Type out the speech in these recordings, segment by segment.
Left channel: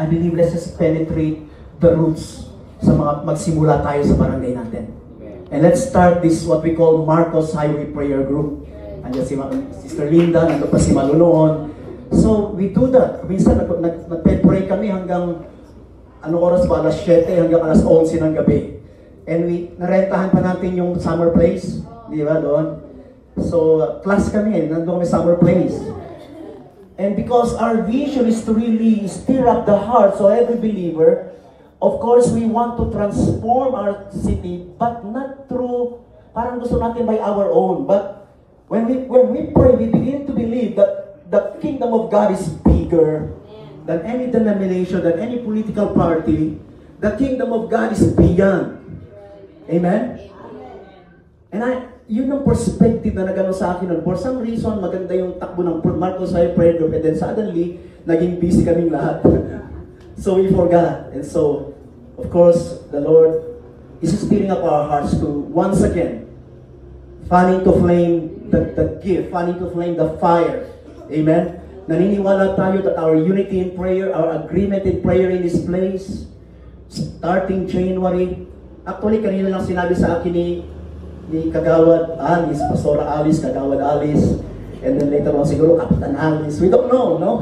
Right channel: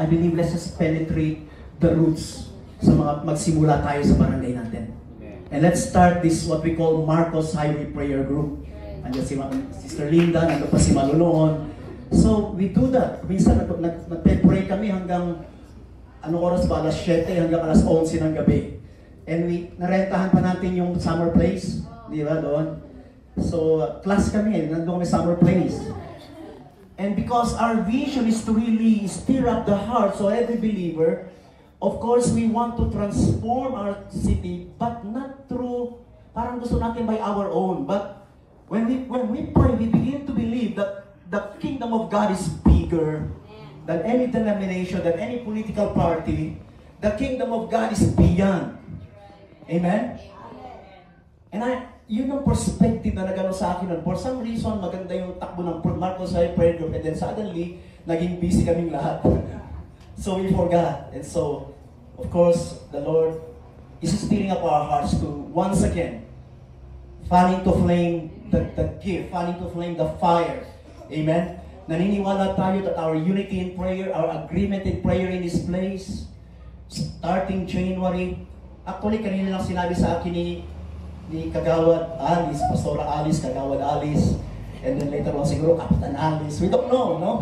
I believe let's just penetrate the roots sa mga magsimula tayo sa barangay natin. And let's start this what we call Marcos Highway Prayer Group. Andiyan si Sister Linda, nandun pa si Malunoon. So we do that. Minsan nag-pray kami hanggang anong oras ba? Alas 7 hanggang alas 11 ng gabi. And narentahan pa natin yung summer place. Di ba doon? So class kami, nandun kami summer place. And because our vision is to really stir up the hearts of every believer, of course, we want to transform our city, but not through, parang gusto natin by our own. But when we pray, we begin to believe that the kingdom of God is bigger than any denomination, than any political party. The kingdom of God is beyond. Amen? And yun ang perspective na nagano sa akin nun. For some reason, maganda yung takbo ng Marcos Highway Prayer Group, and then suddenly, naging busy kaming lahat. So we forgot. And so, of course, the Lord is stirring up our hearts to, once again, fanning to flame the gift, fanning to flame the fire. Amen? Naniniwala tayo that our unity in prayer, our agreement in prayer in this place, starting January, actually, kanina lang sinabi sa akin ni Kagawad Alice, Pastora Alice, Kagawad Alice, and then later on siguro Kapitan Alice. We don't know, no?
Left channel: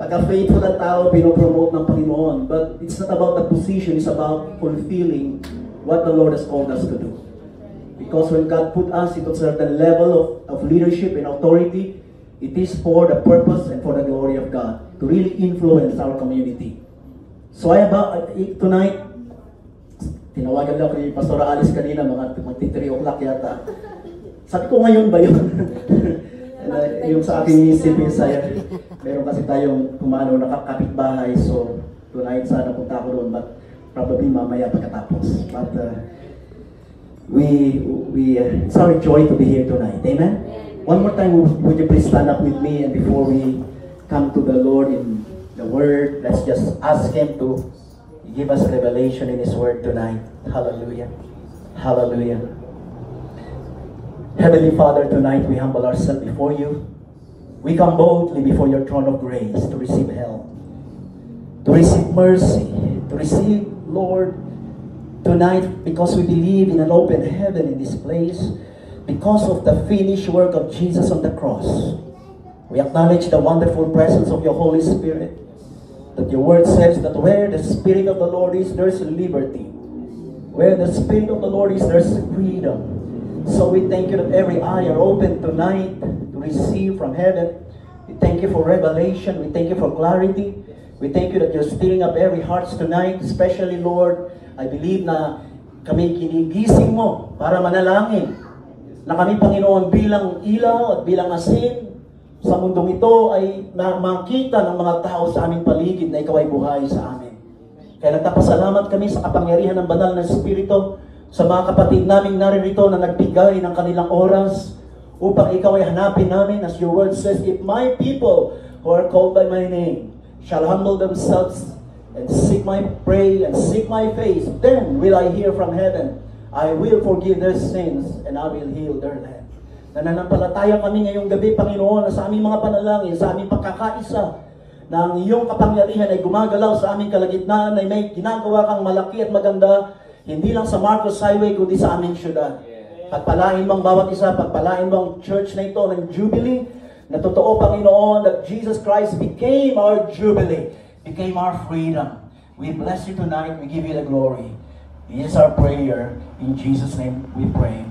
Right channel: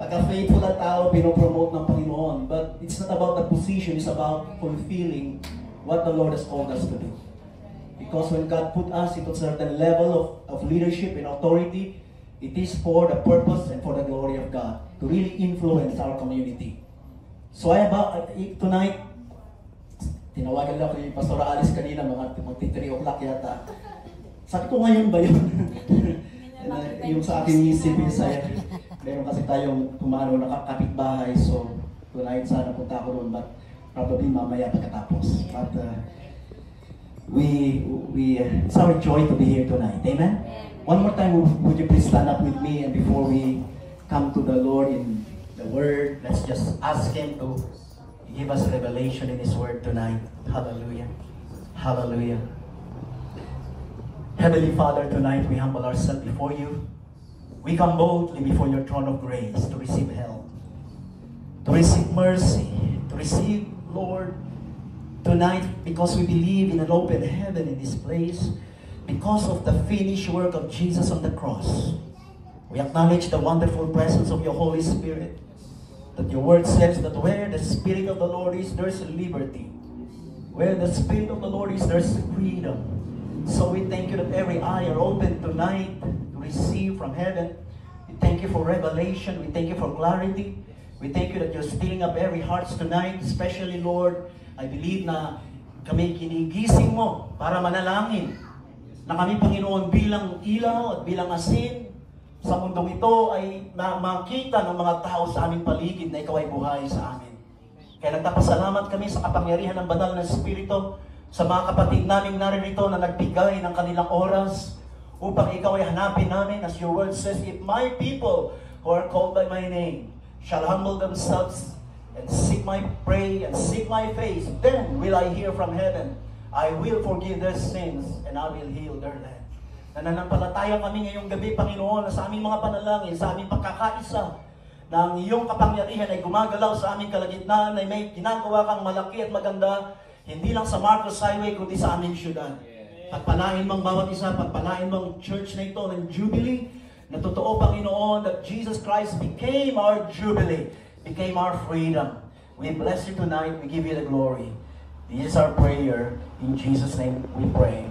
Pagka-faithful ang tao, pinopromote ng Panginoon. But it's not about the position, it's about fulfilling what the Lord has called us to do. Because when God put us into a certain level of leadership and authority, it is for the purpose and for the glory of God to really influence our community. So tonight, tinawagan daw kay Pastor Alice kanina, mga 3 o'clock yata. Sabi ko, ngayon ba yun? Yung sa aking civil side, meron kasi tayong nakakapit bahay, so tonight sana punta ako doon, but probably mamaya pagkatapos. But it's our joy to be here tonight. Amen? One more time, would you please stand up with me, and before we come to the Lord in the Word, let's just ask Him to give us revelation in His Word tonight. Hallelujah. Hallelujah. Heavenly Father, tonight we humble ourselves before you. We come boldly before your throne of grace to receive help, to receive mercy, to receive, Lord, tonight, because we believe in an open heaven in this place, because of the finished work of Jesus on the cross. We acknowledge the wonderful presence of your Holy Spirit, that your word says that where the Spirit of the Lord is, there's liberty. Where the Spirit of the Lord is, there's freedom. So we thank you that every eye are open tonight to receive from heaven. We thank you for revelation. We thank you for clarity. We thank you that you're stirring up every hearts tonight, especially, Lord, I believe na kami kinigising mo para manalangin na kami, Panginoon, bilang ilaw at bilang asin sa mundong ito ay makita ng mga tao sa aming paligid na ikaw ay buhay sa amin. Kaya nagpapasalamat kami sa kapangyarihan ng banal na Espiritu, sa mga kapatid namin naririto na nagbigay ng kanilang oras upang ikaw ay hanapin namin, as your word says, if my people who are called by my name shall humble themselves and seek my face, then will I hear from heaven. I will forgive their sins and I will heal their land. Nananampalataya kami ngayong gabi, Panginoon, na sa aming mga panalangin, sa aming pagkakaisa, na ang iyong kapangyarihan ay gumagalaw sa aming kalagitnaan, ay may ginagawa kang malaki at maganda, hindi lang sa Marcos Highway, kundi sa aming syudad. Pagpalain mo ang bawat isa, pagpalain mo ang church na ito ng Jubilee, na totoo, Panginoon, that Jesus Christ became our Jubilee, became our freedom. We bless you tonight, we give you the glory. This is our prayer. In Jesus' name we pray.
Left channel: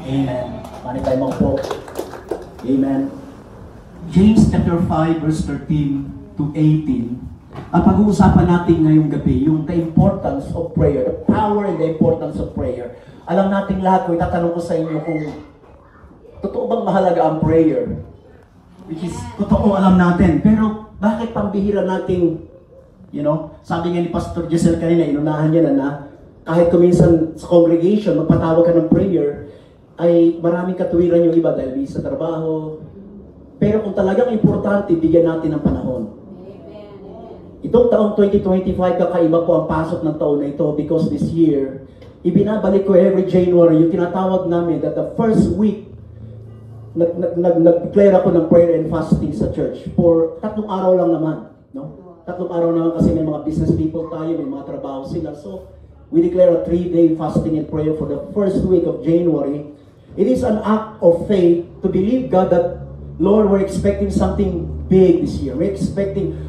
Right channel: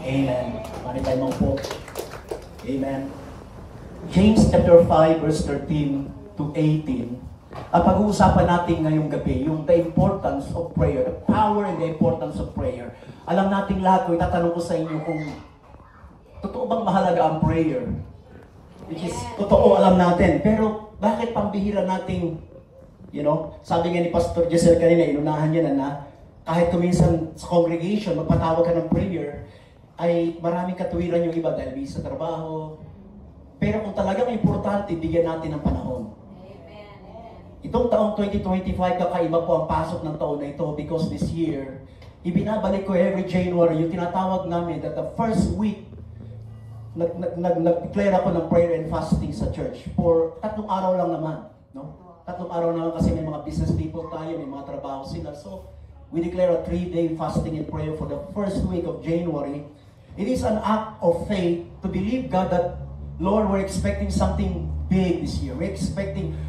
Amen. Manitay mo po. Amen. James chapter 5 verse 13 to 18. Ang pag-uusapan natin ngayong gabi, yung the importance of prayer, the power and the importance of prayer. Alam natin lahat, kung itatanong ko sa inyo kung totoo bang mahalaga ang prayer, which is totoo, alam natin, pero bakit pambihira nating, sabi nga ni Pastor Jessel kanina, inunahan niya na kahit kuminsan sa congregation, magpatawag ka ng prayer, ay maraming katuwiran yung iba dahil sa trabaho. Pero kung talagang importante, bigyan natin ng panahon. Itong taong 2025, kakaiba po ang pasok ng taon na ito because this year, ibinabalik ko every January, yung tinatawag namin that the first week, nag-declare ako ng prayer and fasting sa church for 3 araw lang naman. No? tatlong araw naman kasi may mga business people tayo, may mga trabaho sila. So, we declare a 3-day fasting and prayer for the first week of January. It is an act of faith to believe God that, Lord, we're expecting something big this year.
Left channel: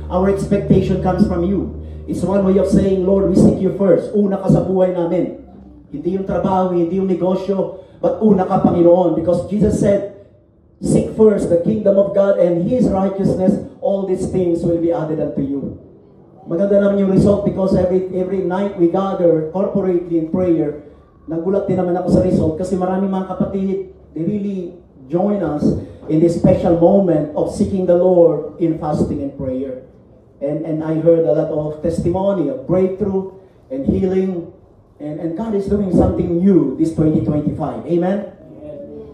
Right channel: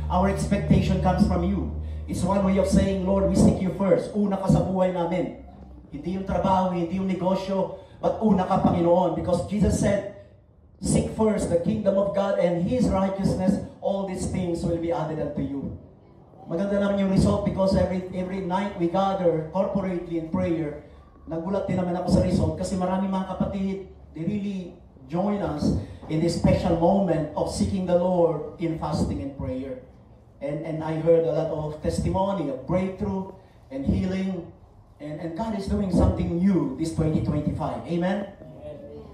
Our expectation comes from you. It's one way of saying, Lord, we seek you first. Una ka sa buhay namin. Hindi yung trabaho, hindi yung negosyo, but una ka, Panginoon. Because Jesus said, seek first the kingdom of God and His righteousness, all these things will be added unto you. Maganda naman yung result because every night we gather corporately in prayer. Nagulat din naman ako sa result kasi marami mga kapatid, they really join us in this special moment of seeking the Lord in fasting and prayer. And I heard a lot of testimony of breakthrough and healing, and God is doing something new this 2025. Amen?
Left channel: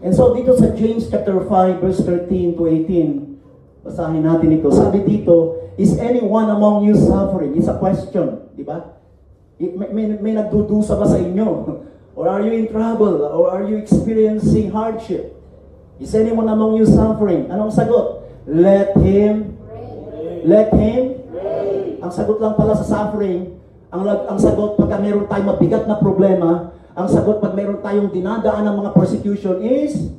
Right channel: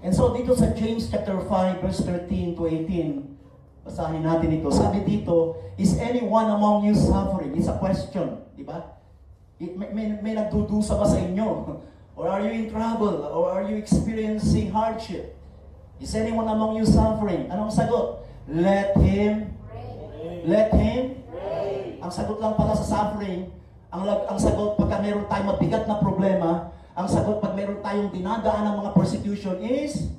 And so dito sa James chapter 5 verse 13 to 18, basahin natin ito. Sabi dito, is anyone among you suffering? It's a question, di ba? May nagdudusa ba sa inyo? Or are you in trouble? Or are you experiencing hardship? Is anyone among you suffering? Anong sagot? Let him pray. Ang sagot lang pala sa suffering, ang sagot pagka meron tayong mabigat na problema, ang sagot pag meron tayong dinadaan ng mga persecution is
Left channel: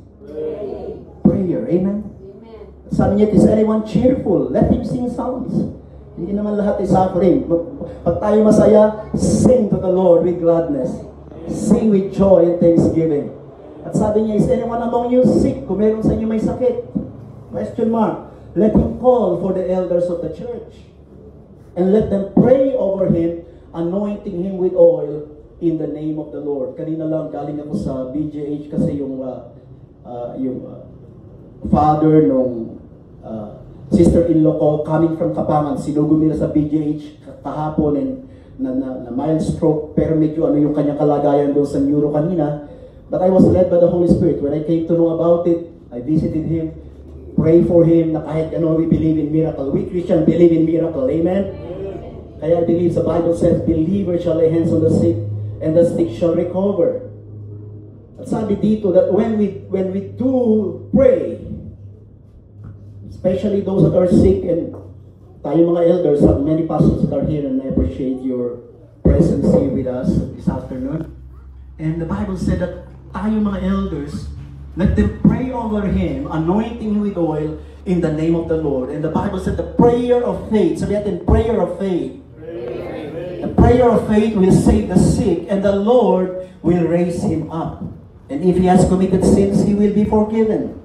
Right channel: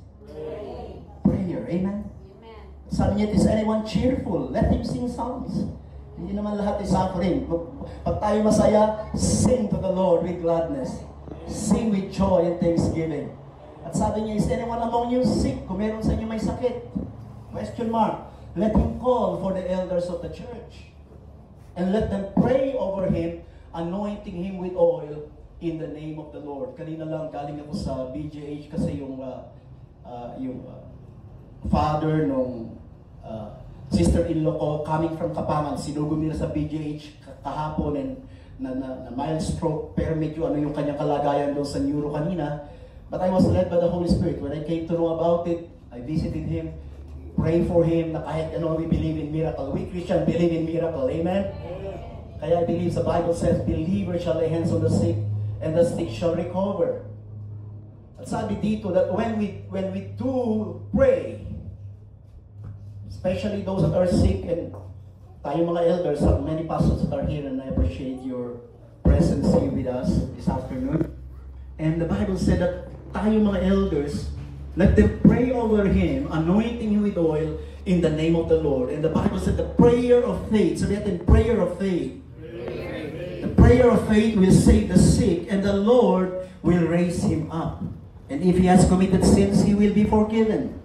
prayer. Amen? Sabi niya, is anyone cheerful? Let him sing songs. Hindi naman lahat ay suffering. Pag tayo masaya, sing to the Lord with gladness. Sing with joy and thanksgiving. At sabi niya, is anyone among you sick? Kung meron sa inyo may sakit. Question mark. Let him call for the elders of the church. And let them pray over him, anointing him with oil in the name of the Lord. Kanina lang galing ako sa BGH kasi yung father nung sister-in-law ko coming from Kapangan, sinugo nila sa BGH kahapon and na mild stroke, pero medyo ano yung kanyang kalagayan doon sa neuro kanina. But I was led by the Holy Spirit. When I came to know about it, I visited him, pray for him, na kahit ano, we believe in miracle. We Christians believe in miracle. Amen? Kaya I believe the Bible says, believers shall lay hands on the sick, and the sick shall recover. At sabi dito that when we do pray, especially those that are sick, and tayo mga elders, many pastors that are here, and I appreciate your presence here with us this afternoon. And the Bible said that tayo mga elders, let them pray over him, anointing him with oil in the name of the Lord. And the Bible said the prayer of faith, sabi natin, prayer of faith. The prayer of faith will save the sick, and the Lord will raise him up. And if he has committed sins, he will be forgiven.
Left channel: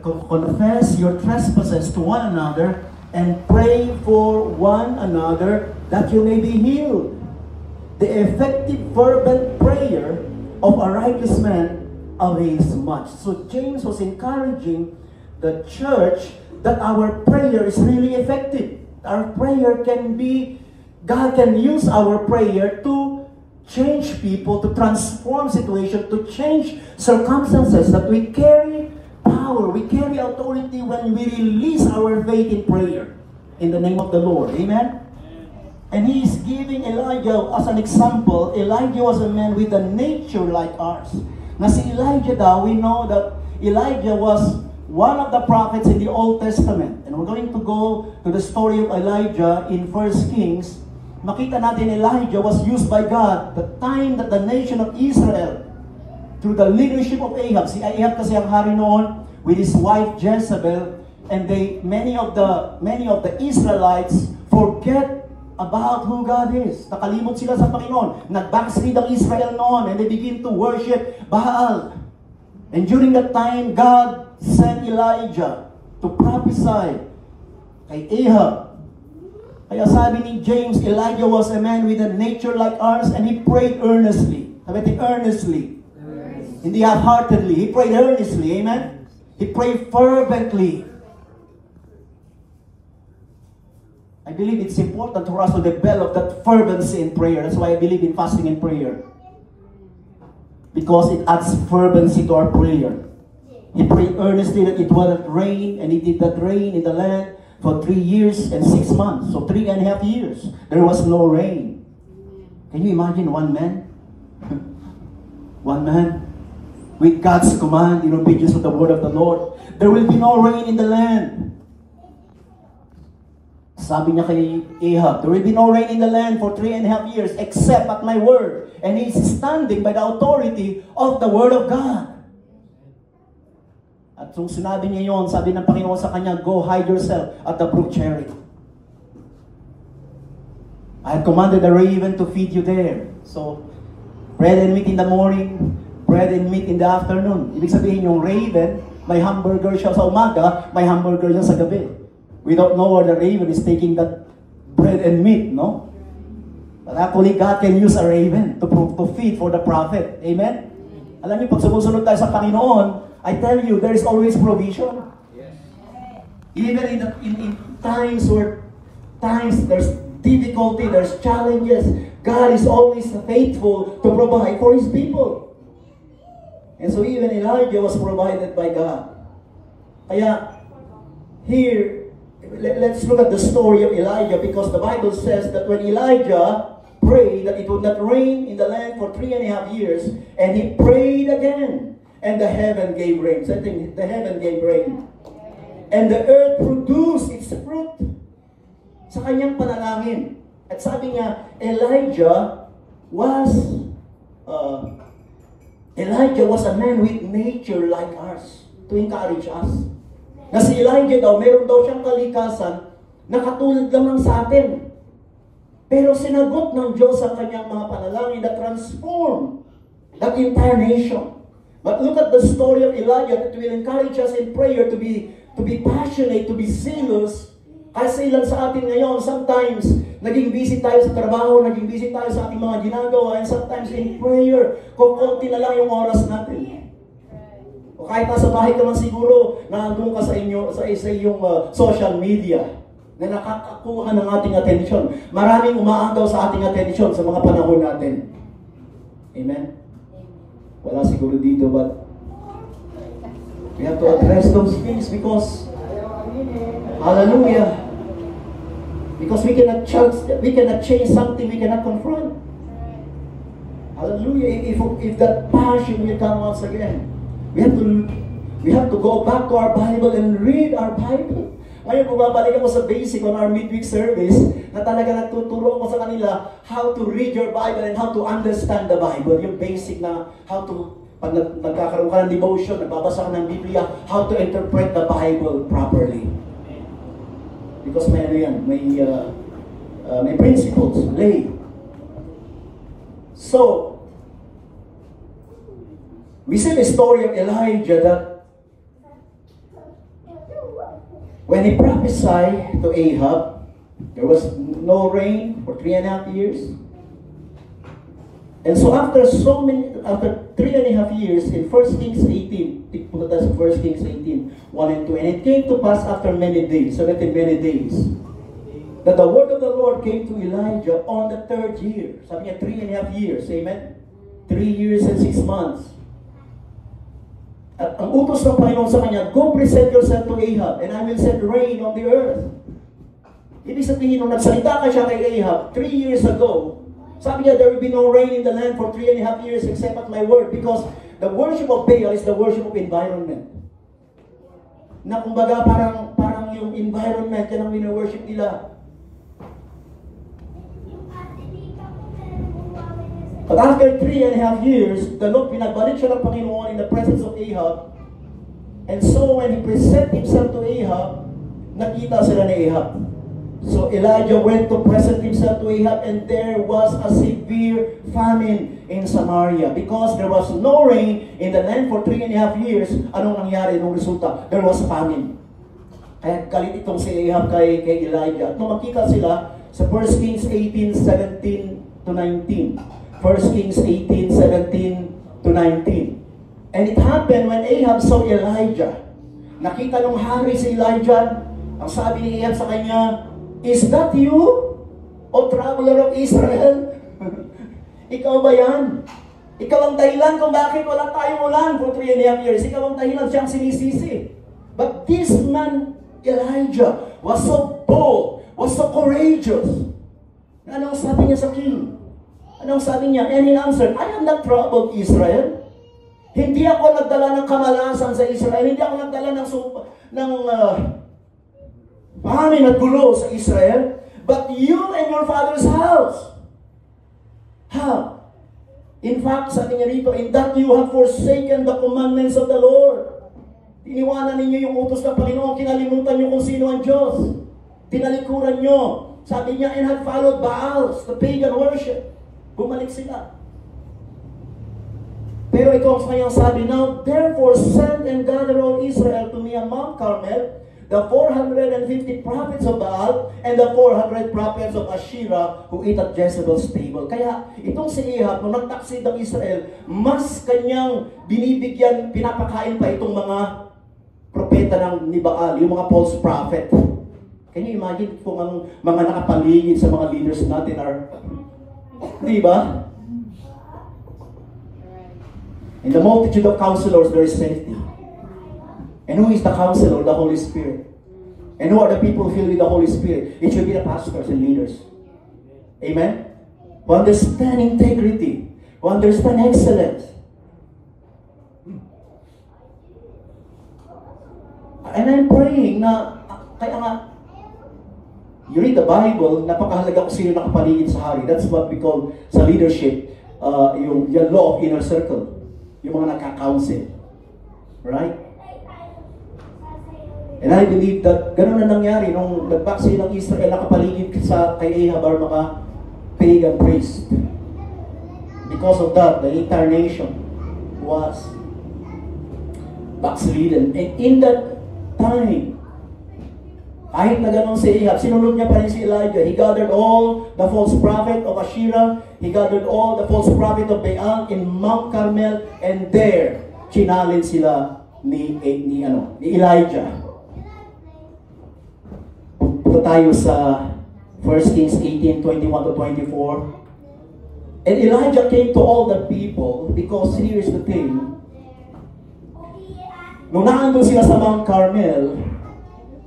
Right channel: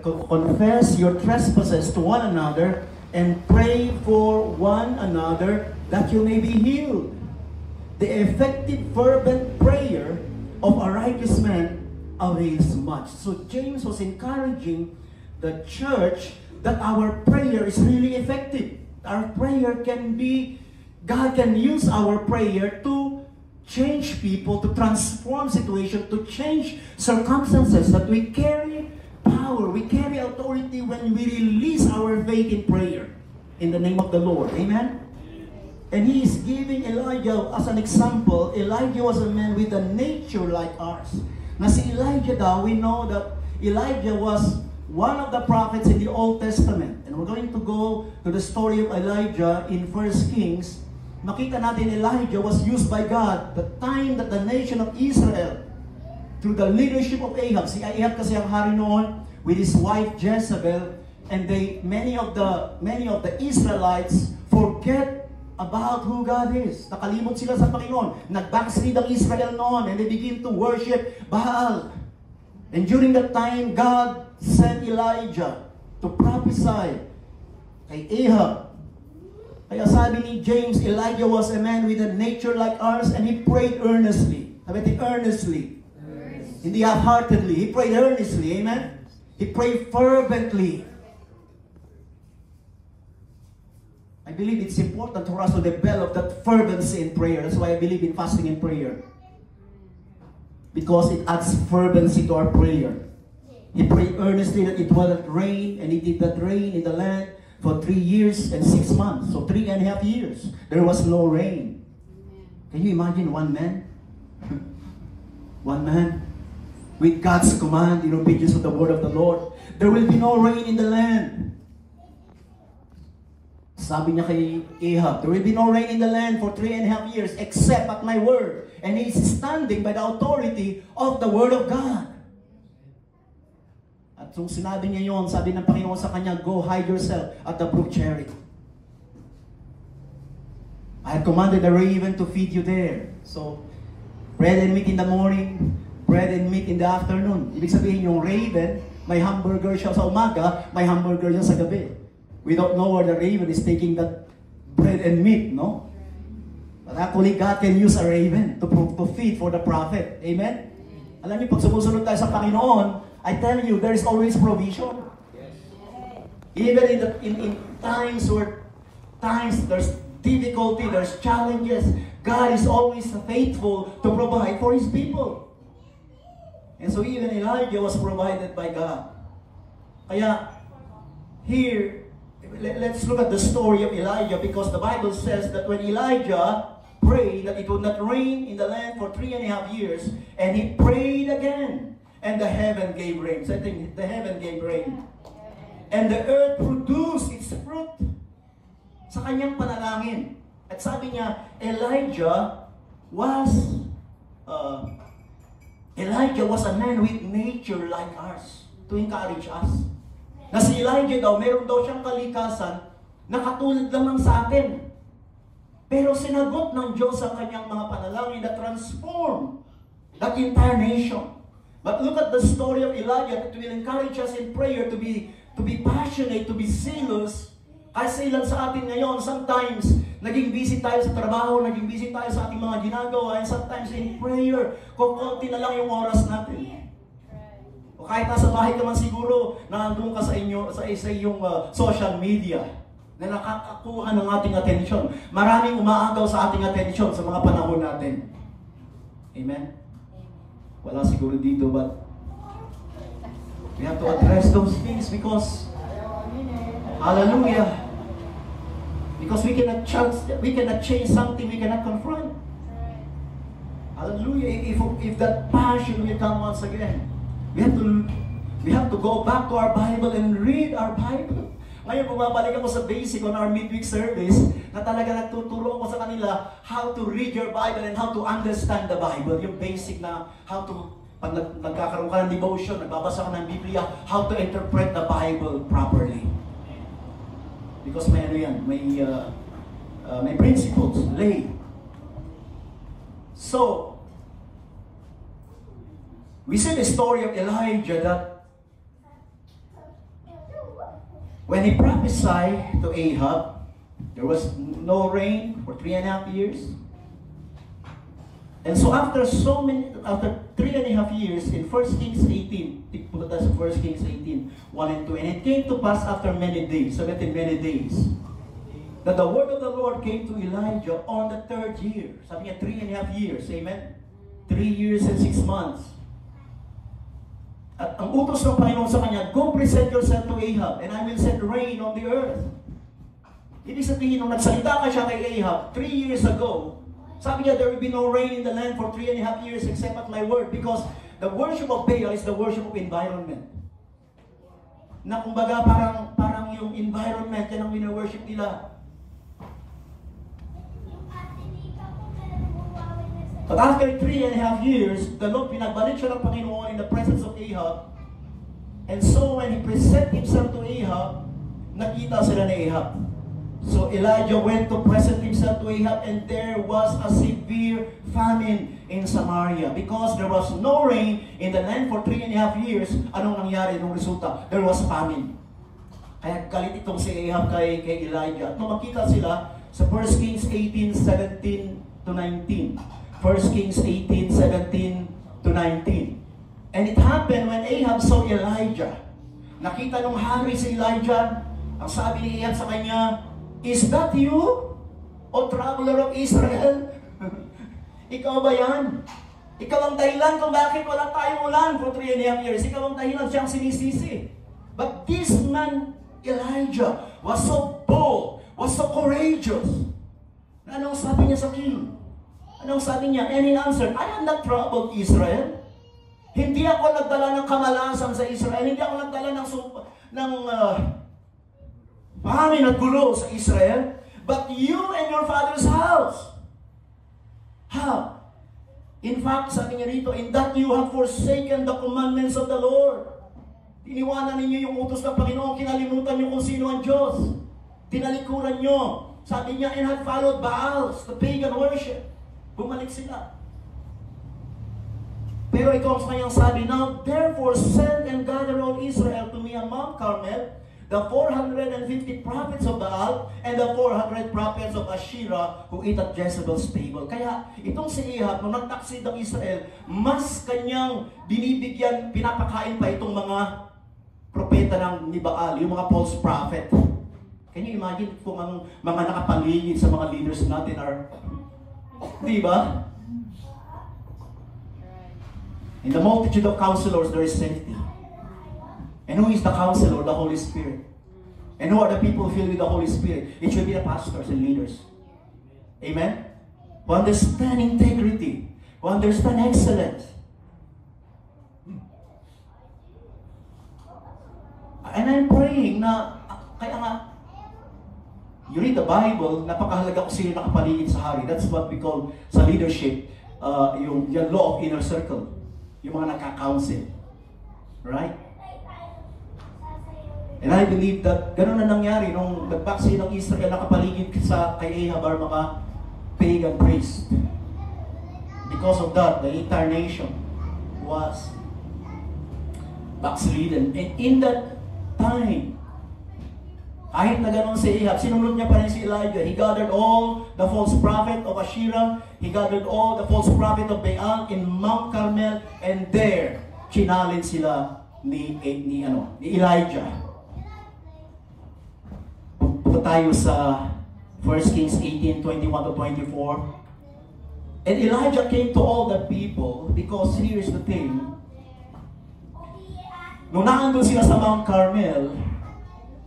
Confess your trespasses to one another and pray for one another that you may be healed. The effective fervent prayer of a righteous man avails much. So James was encouraging the church that our prayer is really effective. Our prayer can be, God can use our prayer to change people, to transform situations, to change circumstances, that we carry power, we carry authority when we release our faith in prayer in the name of the Lord. Amen? And he is giving Elijah as an example. Elijah was a man with a nature like ours. Na si Elijah daw, we know that Elijah was one of the prophets in the Old Testament. And we're going to go to the story of Elijah in 1 Kings. Nakita natin Elijah was used by God the time that the nation of Israel, through the leadership of Ahab. Si Ahab kasi ang hari noon with his wife Jezebel, and many of the Israelites forget about who God is. Nakalimot sila sa Panginoon. Nag-backslid ang Israel noon, and they begin to worship Baal. And during that time, God sent Elijah to prophesy kay Ahab. Kaya sabi ni James, Elijah was a man with a nature like ours, and he prayed earnestly. Sabi natin, earnestly. Hindi half-heartedly. He prayed earnestly. Amen? He prayed fervently. I believe it's important for us to develop that fervency in prayer. That's why I believe in fasting and prayer. Because it adds fervency to our prayer. He prayed earnestly that it wouldn't rain, and it did not rain in the land for 3 years and 6 months. So 3.5 years. There was no rain. Can you imagine one man? One man with God's command in obedience to the word of the Lord. There will be no rain in the land. Sabi niya kay Ahab, there will be no rain in the land for 3.5 years except at my word. And he's standing by the authority of the word of God. At kung sinabi niya yon, sabi ng Panginoon sa kanya, go hide yourself at the brook Cherith. I have commanded the raven to feed you there. So, bread and meat in the morning, bread and meat in the afternoon. Ibig sabihin yung raven, may hamburger siya sa umaga, may hamburger siya sa gabi. We don't know where the raven is taking that bread and meat, no? But actually, God can use a raven to feed for the prophet. Amen? Alam niyo, pag sumusunod tayo sa Panginoon, I tell you, there is always provision. Even in times where there's difficulty, there's challenges, God is always faithful to provide for His people. And so even Elijah was provided by God. Kaya, here, let's look at the story of Elijah, because the Bible says that when Elijah prayed that it would not rain in the land for 3.5 years, and he prayed again, and the heaven gave rain. So I think the heaven gave rain. And the earth produced its fruit sa kanyang panalangin. At sabi niya, Elijah was a man with nature like ours, to encourage us. Na si Elijah daw, meron daw siyang kalikasan na katulad lamang sa atin. Pero sinagot ng Diyos ang kanyang mga panalangin that transform that entire nation. But look at the story of Elijah that will encourage us in prayer to be passionate, to be zealous. Kasi ilan sa atin ngayon, sometimes, naging busy tayo sa trabaho, naging busy tayo sa ating mga ginagawa, and sometimes in prayer, kukunti na lang yung oras natin. O kahit nasa bahay ka man siguro, nandun ka sa iyong social media, na nakakakuha ng ating atensyon. Maraming umaagaw sa ating atensyon sa mga panahon natin. Amen? Wala siguro dito, but we have to address those things because, hallelujah, because we cannot change something we cannot confront. Hallelujah. If that passion will come once again, we have to go back to our Bible and read our Bible. Ngayon, bumabalik ako sa basic on our midweek service na talaga nagtuturo ako sa kanila how to read your Bible and how to understand the Bible. Yung basic na how to, pag nagkakaroon ka ng devotion, nagbabasa ka ng Biblia, how to interpret the Bible properly. Because may ano yan, may principles, lay. So, we see the story of Elijah that when he prophesied to Ahab, there was no rain for 3.5 years. And so after 3.5 years, in 1 Kings 18, punta tayo sa 1 Kings 18, 1 and 2, and it came to pass after many days, so that in many days, that the word of the Lord came to Elijah on the 3rd year. Sabi niya, 3.5 years, amen? 3 years and 6 months. At ang utos ng Panginoon sa kanya, go present yourself to Ahab, and I will send rain on the earth. Ibig sabihin, nung nagsalita ka siya kay Ahab 3 years ago, sabi niya, there will be no rain in the land for 3.5 years except at my word, because the worship of Baal is the worship of environment. Na kumbaga parang yung environment, yan ang wino-worship nila. But after 3.5 years, the Lord pinagbalik siya ng Panginoon in the presence of Ahab. And so when he presented himself to Ahab, nakita sila ni Ahab. So Elijah went to present himself to Ahab, and there was a severe famine in Samaria. Because there was no rain in the land for 3.5 years, anong nangyari nung resulta? There was famine. Kaya galit itong si Ahab kay Elijah. At nung makita sila sa 1 Kings 18:17 to 19. 1 Kings 18:17 to 19. And it happened when Ahab saw Elijah. Nakita nung hari si Elijah, ang sabi ni Ahab sa kanya, is that you, O traveler of Israel? Ikaw ba yan? Ikaw ang dahilan kung bakit wala tayong ulan for 3.5 years. Ikaw ang dahilan, siyang sinisisi. But this man, Elijah, was so bold, was so courageous. Anong sabi niya sa king? Anong sabi niya? And he answered, I am not troubled, Israel. Hindi ako nagdala ng kamalasan sa Israel. Hindi ako nagdala ng Famine at gulo sa Israel, but you and your father's house. How? In fact, sabi niya rito, in that you have forsaken the commandments of the Lord. Iniwanan ninyo yung utos ng Panginoon, kinalimutan niyo kung sino ang Diyos. Tinalikuran niyo. Sabi niya, and had followed Baals, the pagan worship. Bumalik sila. Pero ito ang kanyang sabi, now therefore send and gather all Israel to me on Mount Carmel, the 450 prophets of Baal and the 400 prophets of Asherah who eat at Jezebel's table. Kaya itong si Ahab, nung nagtaksid ng Israel, mas kanyang binibigyan, pinapakain pa itong mga propeta ni Baal, yung mga false prophet. Can you imagine kung ang mga nakapaligid sa mga leaders natin are, di ba? In the multitude of counselors, there is safety. And who is the counselor? The Holy Spirit. And who are the people filled with the Holy Spirit? It should be the pastors and leaders. Amen? Who understand integrity. Who understand excellence. And I'm praying na, kaya nga, you read the Bible, napakahalaga kung sino nakapaligid sa hari. That's what we call sa leadership, yung law of inner circle. Yung mga nakaka-counsel. Right? And I believe that gano'n na nangyari nung nagbaksi ng Israel nakapaligid kay Ahab ang mga pagan priest. Because of that, the entire nation was backslidden. And in that time, kahit na gano'n si Ahab, sinunod niya pa rin si Elijah. He gathered all the false prophet of Asherah. He gathered all the false prophet of Baal in Mount Carmel. And there, challenge sila ni Elijah. Punta tayo sa 1 Kings 18:21-24. And Elijah came to all the people because here is the thing. Nung naandun sila sa Mount Carmel,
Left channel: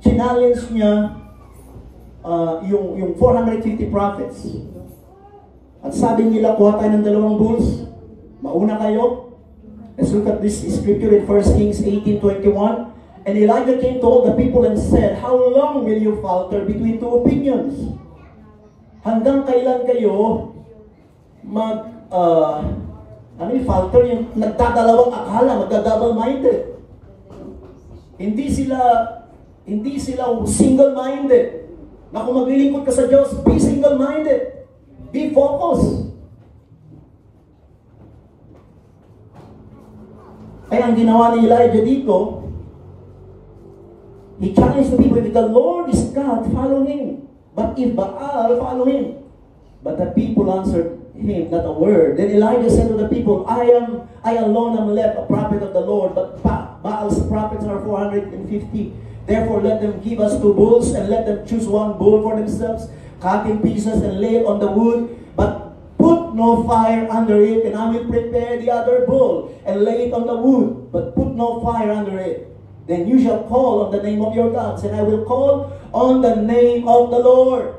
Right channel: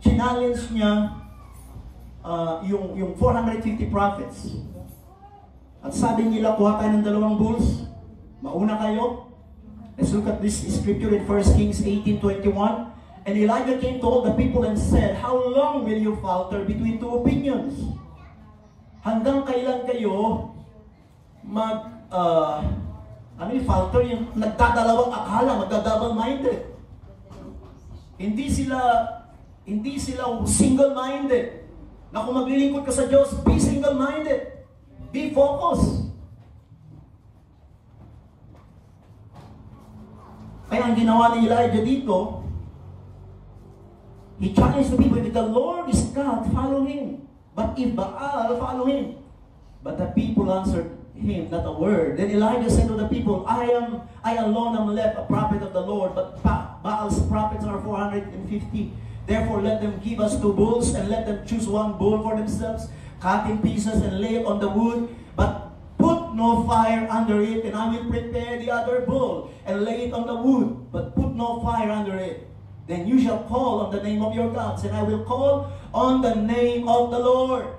challenge niya yung 450 prophets. At sabi nila, kuha tayo ng 2 bulls. Mauna kayo. Let's look at this scripture in 1 Kings 18:21. And Elijah came to all the people and said, how long will you falter between two opinions? Hanggang kailan kayo falter, yung nagdadalawang akala, magdadouble-minded. Hindi sila single-minded. Na kung maglilingkod ka sa Diyos, be single-minded. Be focused. Kaya ang ginawa ni Elijah dito, he challenged the people, if the Lord is God, follow Him. But if Baal, follow Him. But the people answered him not a word. Then Elijah said to the people, I alone am left a prophet of the Lord, but Baal's prophets are 450. Therefore let them give us 2 bulls, and let them choose 1 bull for themselves, cut in pieces and lay it on the wood, but put no fire under it, and I will prepare the other bull, and lay it on the wood, but put no fire under it. Then you shall call on the name of your gods, and I will call on the name of the Lord.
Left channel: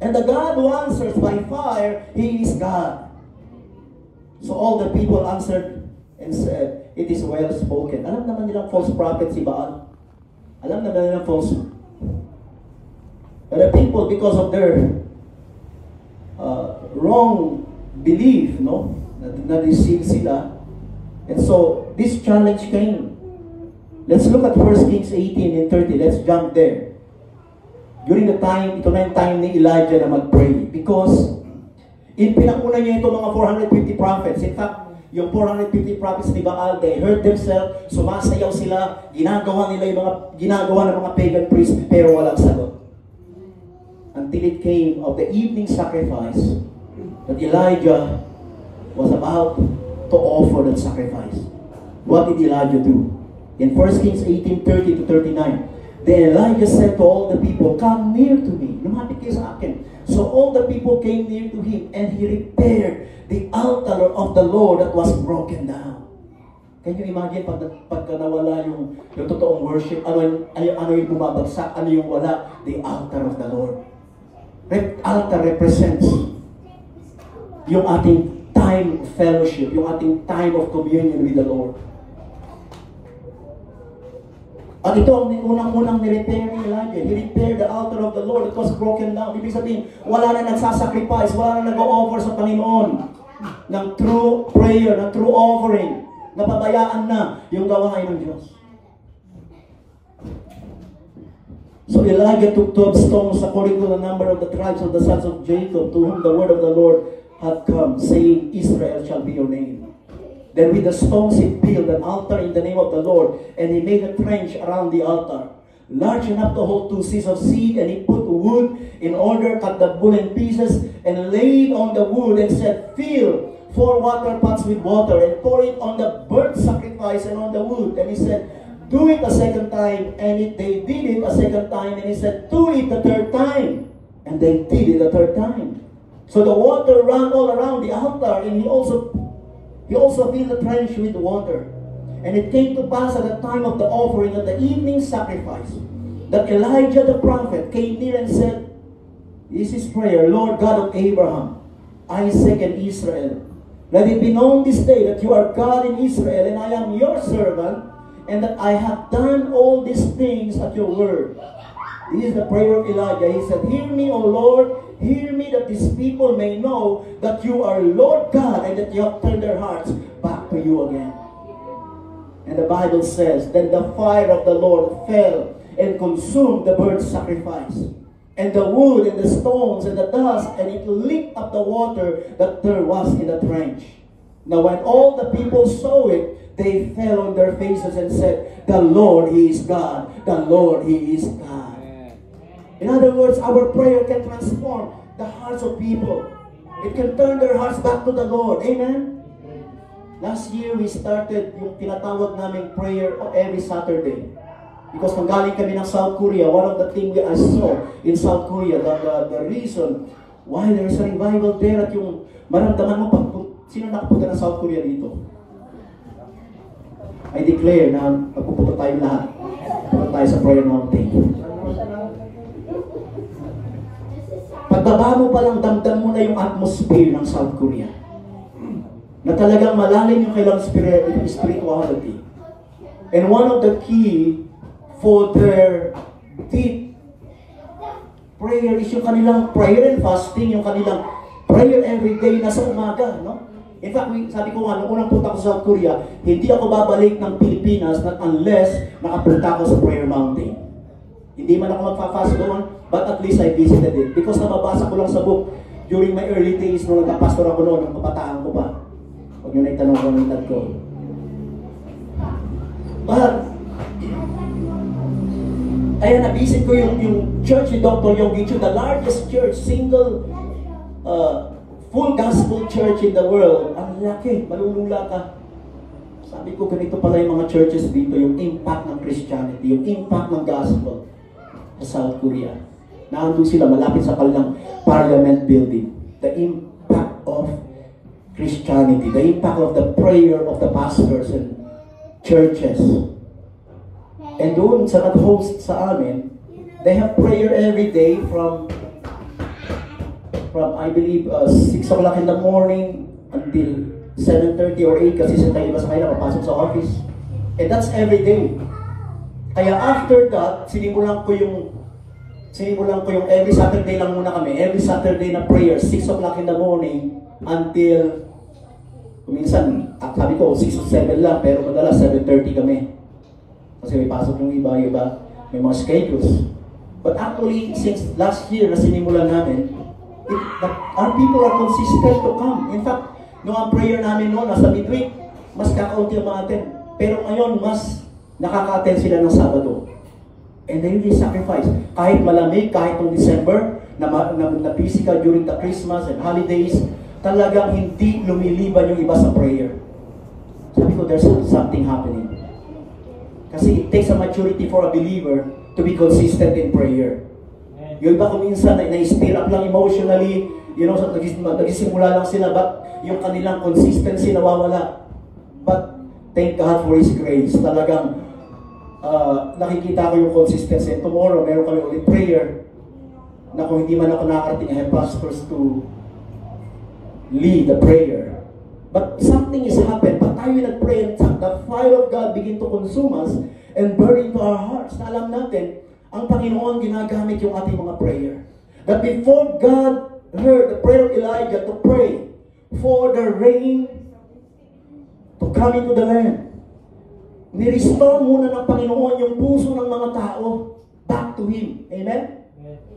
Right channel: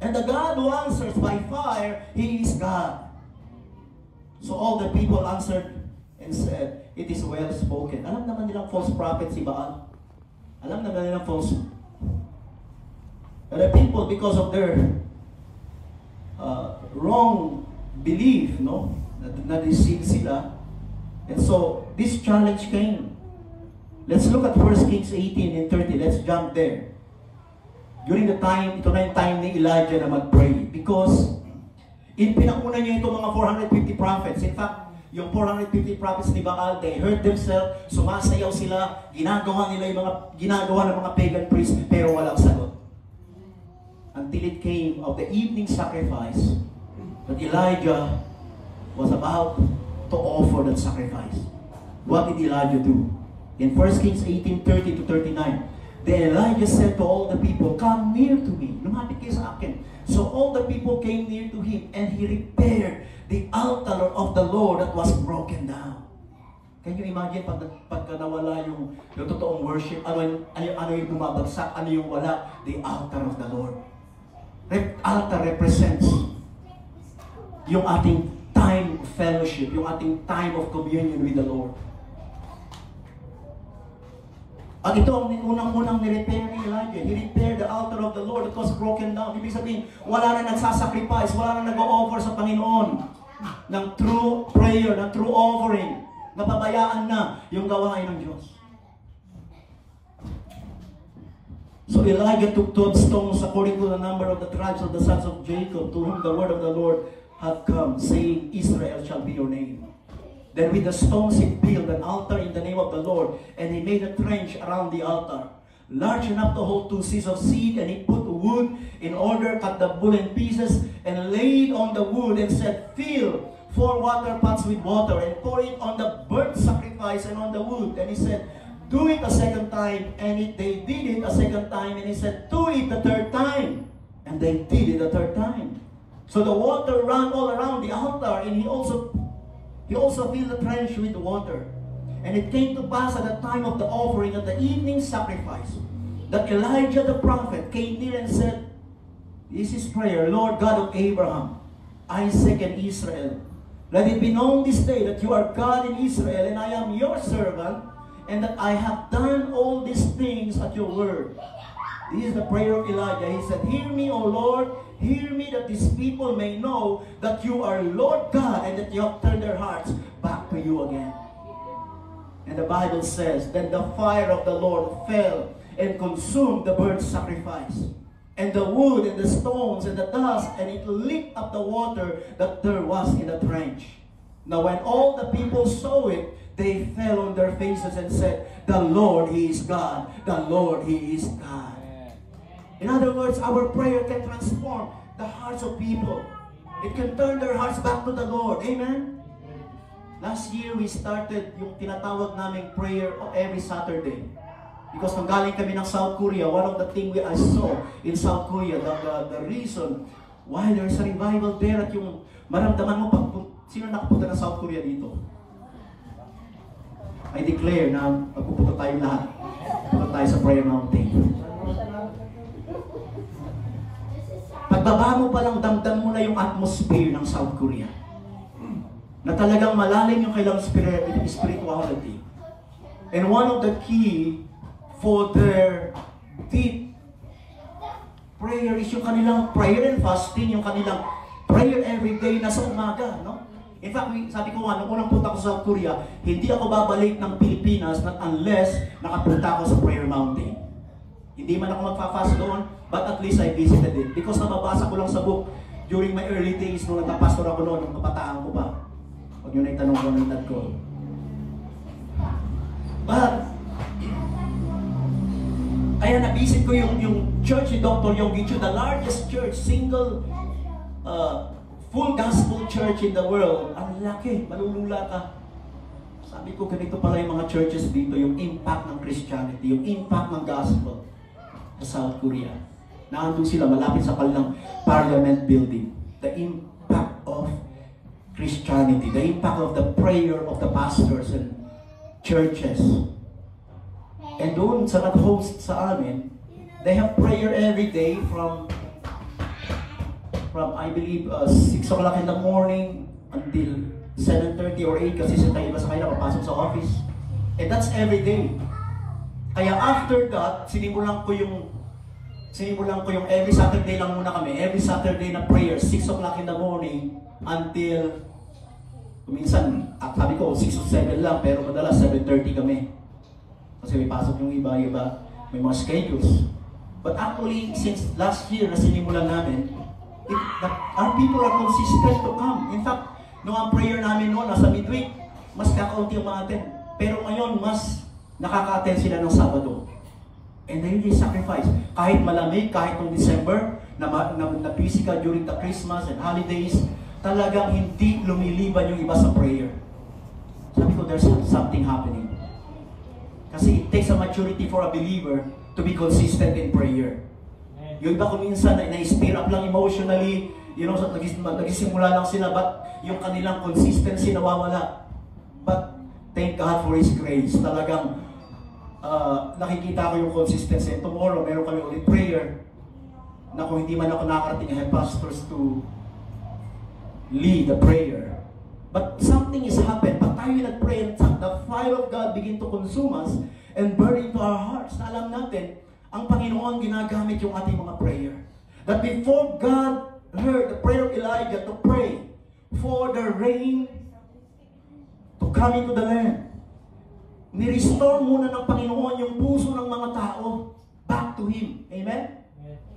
And the God who answers by fire, He is God. So all the people answered and said, it is well spoken. Alam naman nilang false prophet si Baal. Alam naman nilang false. But the people, because of their wrong belief, na-deceive sila. And so, this challenge came. Let's look at 1 Kings 18 and 30. Let's jump there. During the time, ito na yung time ni Elijah na mag-pray. Because, pinakuna niya itong mga 450 prophets. In fact, yung 450 prophets ni Baal, they hurt themselves, sumasayaw sila, ginagawa nila yung mga ginagawa ng mga pagan priests, pero walang sagot. Until it came of the evening sacrifice that Elijah was about to offer that sacrifice. What did Elijah do? In 1 Kings 18:30-39, then Elijah said to all the people, come near to me. Lumapit kayo sa akin. So all the people came near to him, and he repaired the altar of the Lord that was broken down. Can you imagine pagka nawala yung totoong worship, ano yung bumabagsak, ano yung wala? The altar of the Lord. Altar represents yung ating time of fellowship, yung ating time of communion with the Lord. At ito ang unang-unang ni-repair ni Elijah. He repaired the altar of the Lord. It was broken down. Ibig sabihin, wala na nagsasacrifice, wala na nag-o-offer sa Panginoon ng true prayer, ng true offering. Napabayaan na yung gawain ng Diyos. So Elijah took 12 stones according to the number of the tribes of the sons of Jacob, to whom the word of the Lord had come, saying, Israel shall be your name. Then with the stones he built an altar in the name of the Lord, and he made a trench around the altar, large enough to hold 2 seahs of seed, and he put wood in order, cut the bull in pieces, and laid on the wood, and said, Fill 4 water pots with water, and pour it on the burnt sacrifice and on the wood. And he said, Do it a second time. And they did it a second time, and he said, Do it the third time. And they did it the third time. So the water ran all around the altar, and he also filled the trench with water. And it came to pass at the time of the offering of the evening sacrifice, that Elijah the prophet came near and said, This is prayer, Lord God of Abraham, Isaac, and Israel. Let it be known this day that you are God in Israel, and I am your servant, and that I have done all these things at your word. This is the prayer of Elijah. He said, Hear me, O Lord, hear me, that these people may know that you are Lord God, and that you have turned their hearts back to you again. And the Bible says, Then the fire of the Lord fell and consumed the burnt sacrifice, and the wood, and the stones, and the dust, and it licked up the water that there was in the trench. Now when all the people saw it, they fell on their faces and said, The Lord, He is God. The Lord, He is God. In other words, our prayer can transform the hearts of people. It can turn their hearts back to the Lord. Amen? Last year, we started yung tinatawag naming prayer every Saturday. Because nanggaling kami ng South Korea, one of the things I saw in South Korea, the reason why there is a revival there, at yung maramdaman mo, sino nakapunta ng South Korea dito? I declare na napupunta tayo lahat. Pupunta tayo sa prayer mountain. Pagbaba mo pa lang, damdam mo na yung atmosphere ng South Korea. Na talagang malalim yung kailang spirituality. And one of the key for their deep prayer is yung kanilang prayer and fasting, yung kanilang prayer every day na sa umaga, no? In fact, sabi ko nga, nung unang punta ko sa South Korea, hindi ako babalik ng Pilipinas not unless nakapunta ako sa prayer mountain. Hindi man ako magpa-fast doon, but at least I visited it. Because nababasa ko lang sa book during my early days nung nagka-pastor ako noon, nung kabataan ko pa. Huwag nyo na itanong ko ng edad ko. But, ayan, nabisit ko yung church ni Dr. Yonggi Cho, the largest church, single, full gospel church in the world. Ang laki, malulula ka. Sabi ko, ganito pala yung mga churches dito, yung impact ng Christianity, yung impact ng gospel sa South Korea. Naandun sila, malapit sa kanilang parliament building. The impact of Christianity, the impact of the prayer of the pastors and churches. And doon sa nag-host sa amin, they have prayer every day from I believe 6 o'clock in the morning until 7:30 or 8 kasi sa tayo iba sa kanila papasok sa office. And that's every day. Kaya after that, sinimulan ko yung every Saturday lang muna kami. Every Saturday na prayer, 6 o'clock in the morning until minsan, sabi ko 6 o 7 lang, pero madalas 7:30 kami. Kasi may pasok yung iba, may mga schedules. But actually, since last year na sinimulan namin, our people are consistent to come. In fact, nung ang prayer namin noon, nasa midweek, mas kakaunti ang ma-attend. Pero ngayon, mas nakaka-attend sila ng Sabado. And they really sacrifice. Kahit malamig, kahit noong December, na busy ka during the Christmas and holidays, talagang hindi lumiliban yung iba sa prayer. Sabi ko, there's something happening. Kasi it takes a maturity for a believer to be consistent in prayer. Yung iba kung minsan na-inspire up lang emotionally, nagisimula lang sila, but yung kanilang consistency nawawala. But thank God for His grace. Talagang nakikita ko yung consistency. And tomorrow, meron kami ulit prayer na kung hindi man ako nakarating, I have pastors to lead the prayer. But something is happened. But tayo nag-pray and the fire of God begin to consume us. and burn into our hearts na alam natin, ang Panginoon ginagamit yung ating mga prayer. That before God heard the prayer of Elijah to pray for the rain to come into the land, ni-restore muna ng Panginoon yung puso ng mga tao back to Him. Amen?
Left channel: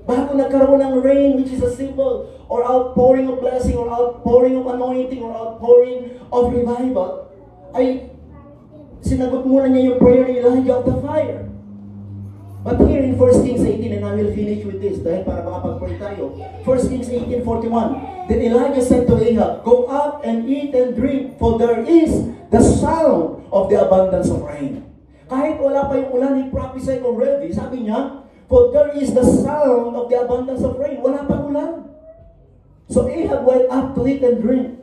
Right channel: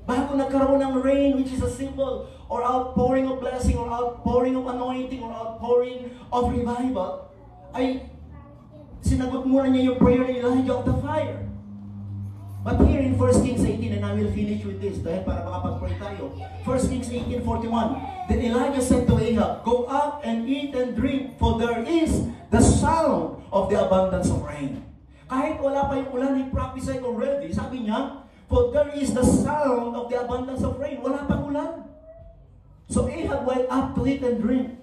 Bago nagkaroon ng rain, which is a symbol or outpouring of blessing or outpouring of anointing or outpouring of revival, ay sinagot muna niya yung prayer ni Elijah of the fire. But here in 1 Kings 18, and I will finish with this dahil para makapag-pray tayo. 1 Kings 18:41, then Elijah said to Ahab, go up and eat and drink, for there is the sound of the abundance of rain. Kahit wala pa yung ulan, he prophesied already. Sabi niya, for there is the sound of the abundance of rain. Wala pang ulan. So Ahab went up to eat and drink.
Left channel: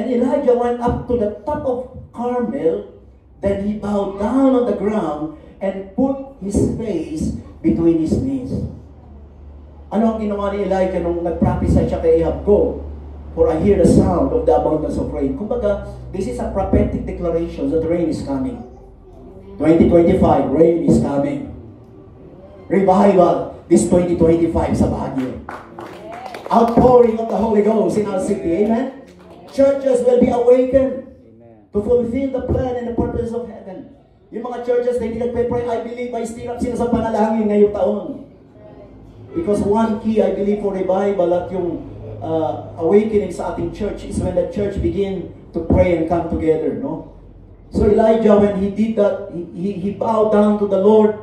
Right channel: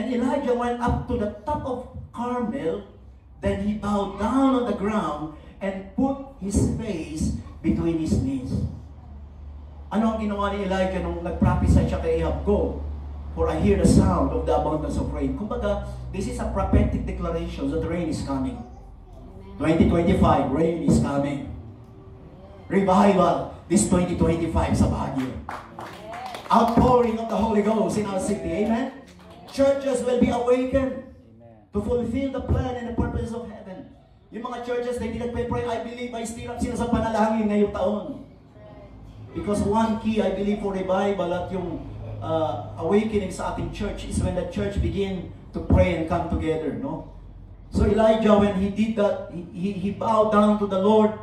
And Elijah went up to the top of Carmel. Then he bowed down on the ground and put his face between his knees. Ano ang ginawa ni Elijah nung nag-prophesy siya kay Ahab? Go, for I hear the sound of the abundance of rain. Kumbaga, this is a prophetic declaration that rain is coming. 2025, rain is coming. Revival, this 2025 sa Baguio. Outpouring of the Holy Ghost in our city. Amen? Churches will be awakened to fulfill the plan and the purpose of heaven. Yung mga churches na hindi nagpe-pray, I believe, I stir up sila sa panalangin ngayong taon. Because one key, I believe, for revival at yung awakening sa ating church is when the church begin to pray and come together, no? So Elijah, when he did that, he bowed down to the Lord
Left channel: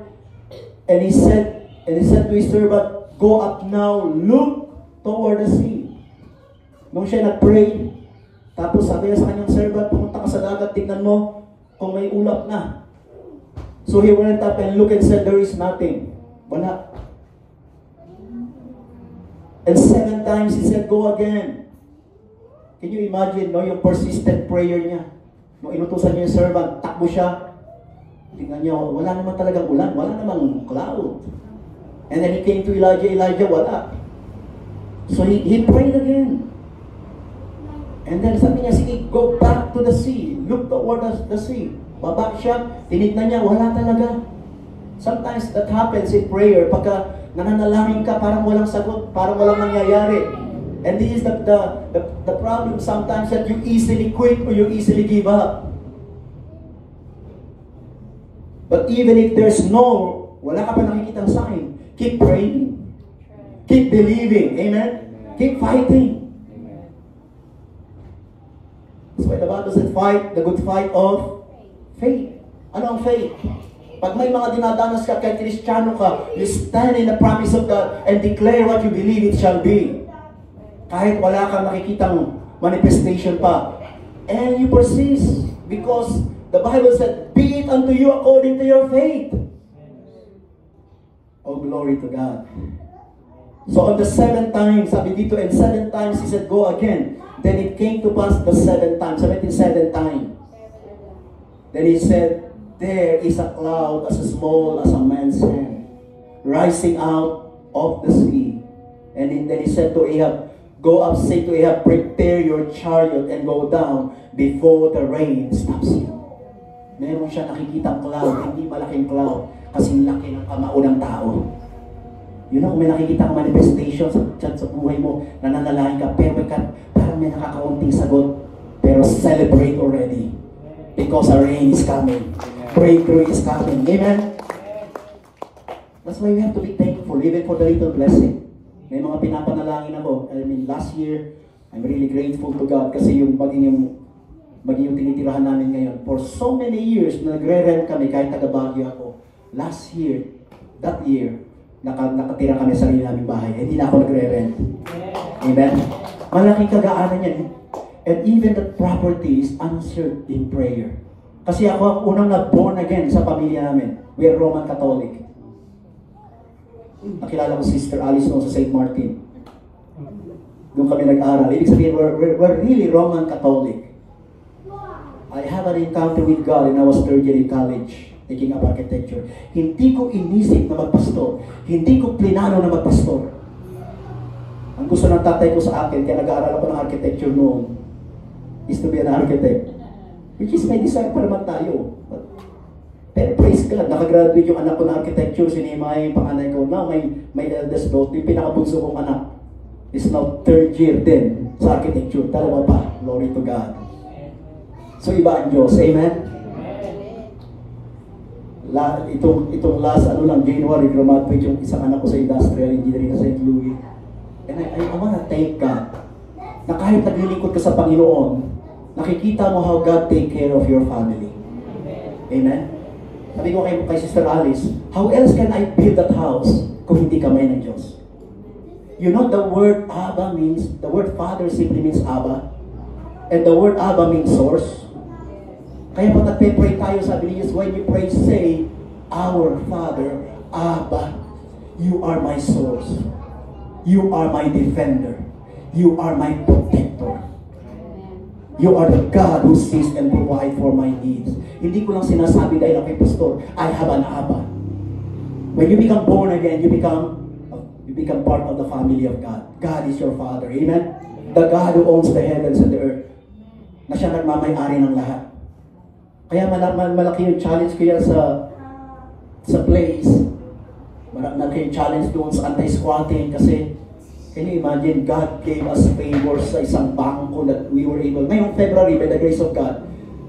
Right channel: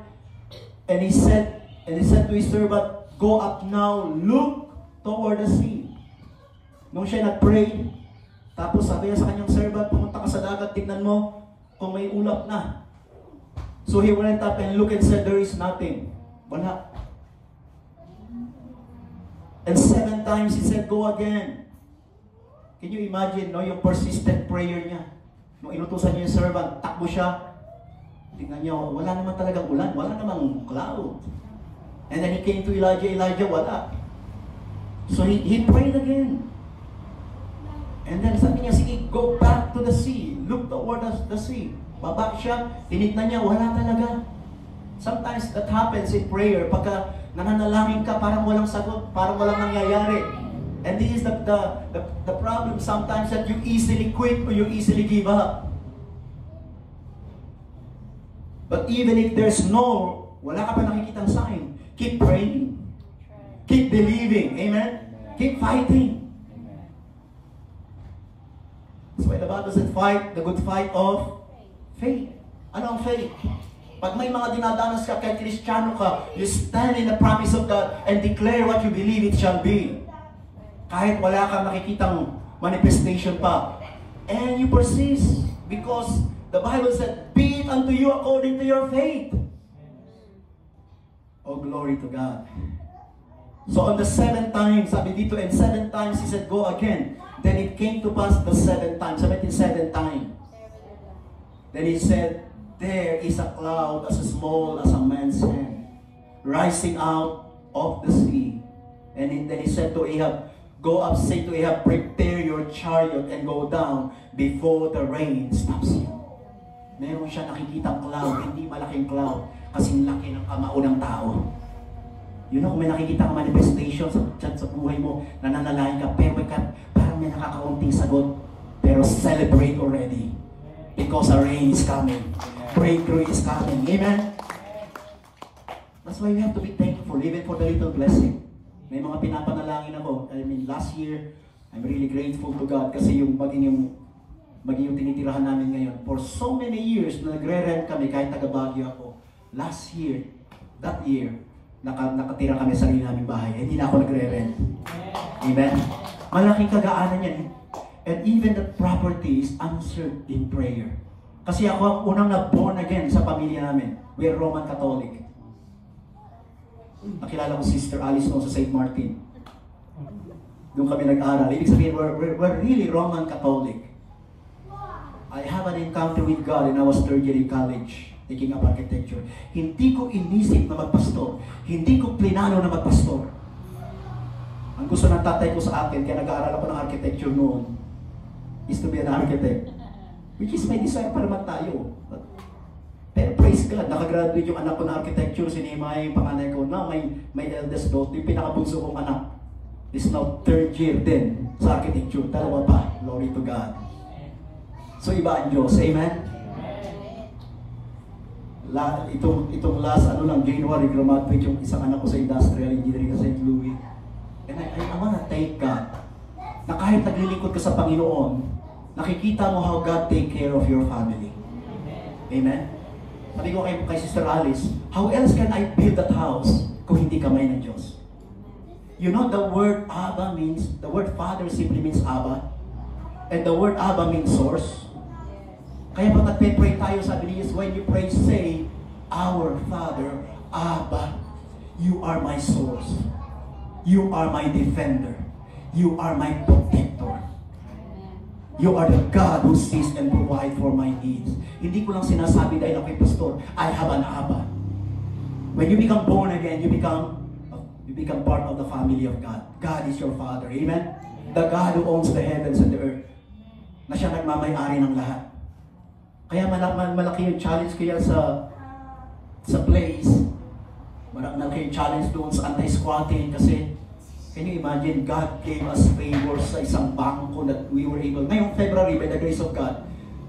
and he said to his servant, go up now, look toward the sea. Nung siya nag-pray, tapos sabi niya sa kanyang servant, pumunta ka sa dagat, tignan mo kung may ulap na. So he went up and looked and said, there is nothing. Wala. And 7 times he said, go again. Can you imagine, no, yung persistent prayer niya? Nung inutusan niya yung servant, takbo siya. Tingnan niya, wala naman talagang ulan, wala namang cloud. And then he came to Elijah, wala. So he prayed again. And then sabi niya, sige, go back to the sea. Look toward the sea. Baba siya, tinignan niya, wala talaga. Sometimes that happens in prayer. Pagka nananalangin ka, parang walang sagot, parang walang nangyayari. And this is the problem sometimes, that you easily quit or you easily give up. But even if there's wala ka pa nakikitang sign, keep praying. Keep believing. Amen? Keep fighting. That's why the Bible said, fight the good fight of faith. Ano ang faith? Pag may mga dinadanas ka, kay Kristiyano ka, you stand in the promise of God and declare what you believe it shall be. Kahit wala kang nakikitang manifestation pa. And you persist because the Bible said, be it unto you according to your faith. Oh, glory to God. So on the 7th time, sabi dito, and 7 times he said, go again. Then it came to pass the 7th time. 7th time. Then he said, there is a cloud as small as a man's hand, rising out of the sea. And then he said to Ahab, go up, say to Ahab, prepare your chariot and go down before the rain stops you. Meron siya nakikitang cloud, hindi malaking cloud, kasing laki ng kamao ng tao. You know, kung may nakikitang manifestation sa buhay mo, nananalangin ka, pero parang may nakakaunting sagot, pero celebrate already. Because a rain is coming. Breakthrough is coming. Amen? That's why we have to be thankful, even for the little blessing. May mga pinapanalangin ako. I mean, last year, I'm really grateful to God kasi yung maging yung tinitirahan namin ngayon. For so many years, nagre-rent kami kahit taga-Baguio ako. Last year, that year, nakatira kami sa sarili naming bahay. Hindi na ako nagre-rent. Amen? Malaking kagaanan yan. And even the property is answered in prayer. Kasi ako ang unang nag-born again sa pamilya namin. We are Roman Catholic. Nakilala ko Sister Alice no sa St. Martin. Doon kami nag-aral. Ibig sabihin, we're really Roman Catholic. I have an encounter with God when I was 3rd year in college, taking up architecture. Hindi ko inisip na magpastor. Hindi ko plinano na magpastor. Ang gusto ng tatay ko sa akin, kaya nag-aaral ako ng architecture noon, is to be an architect. Which is may desire para naman tayo. Pero praise God, nakagraduate yung anak ko na architecture, si Nehemiah yung panganay ko. Now, may eldest daughter, yung pinakabunso kong anak, is now 3rd year din sa architecture. Dalawa pa. Glory to God. So, iba ang Diyos. Amen? Itong last, January, graduate yung isang anak ko sa industrial engineering sa St. Louis. And I wanna thank God na kahit naglilingkod ka sa Panginoon, nakikita mo how God take care of your family. Amen? Sabi ko kay Sister Alice, how else can I build that house kung hindi kamay ng Diyos? You know, the word Abba means, the word Father simply means Abba. And the word Abba means source. Kaya pag nagpe-pray tayo, sabi niya, when you pray, say, Our Father, Abba, you are my source. You are my defender. You are my protector. You are the God who sees and provides for my needs. Hindi ko lang sinasabi dahil ako pastor, I have an Abba. When you become born again, you become part of the family of God. God is your Father. Amen? The God who owns the heavens and the earth. Na siya nagmamay-ari ng lahat. Kaya malaki yung challenge kaya sa place. Malaki yung challenge doon sa anti-squatting kasi can you imagine, God gave us favors sa isang bangko that we were able. Ngayong February, by the grace of God,